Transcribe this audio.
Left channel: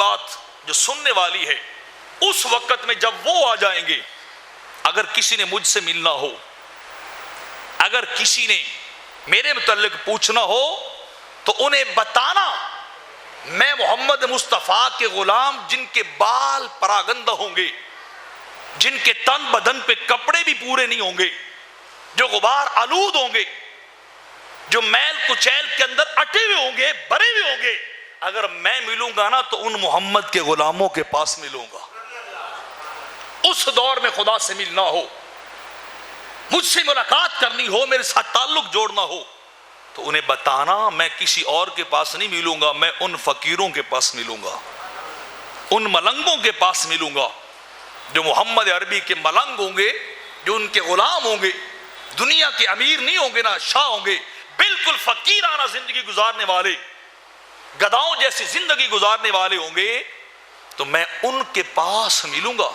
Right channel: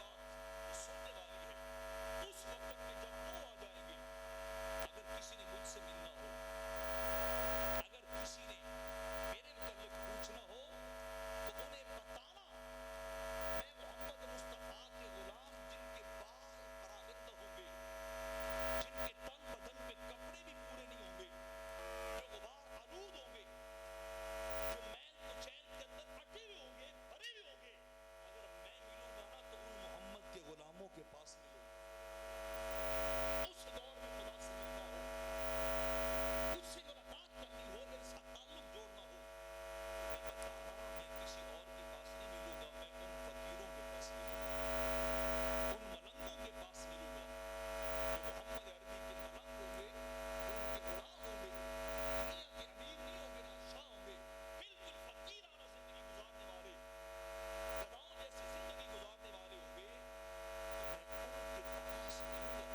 بات جو سننے والی ہے، اس وقت میں جب وہ آ جائیں گے، اگر کسی نے مجھ سے ملنا ہو، اگر کسی نے میرے متعلق پوچھنا ہو، تو انہیں بتانا میں محمد مصطفیٰ کے غلام، جن کے بال پراگندہ ہوں گے، جن کے تن بدن پہ کپڑے بھی پورے نہیں ہوں گے، جو غبار آلود ہوں گے، جو میل کچیل کے اندر اٹے ہوئے ہوں گے، بھرے ہوئے ہوں گے، اگر میں ملوں گا نا تو ان محمد کے غلاموں کے پاس ملوں گا۔ اس دور میں خدا سے ملنا ہو، مجھ سے ملاقات کرنی ہو، میرے ساتھ تعلق جوڑنا ہو، تو انہیں بتانا میں کسی اور کے پاس نہیں ملوں گا، میں ان فقیروں کے پاس ملوں گا، ان ملنگوں کے پاس ملوں گا، جو محمد عربی کے ملنگ ہوں گے، جو ان کے غلام ہوں گے، دنیا کے امیر نہیں ہوں گے، نہ شاہ ہوں گے، بالکل فقیرانہ زندگی گزارنے والے، گداؤں جیسی زندگی گزارنے والے ہوں گے، تو میں ان کے پاس ملوں گا۔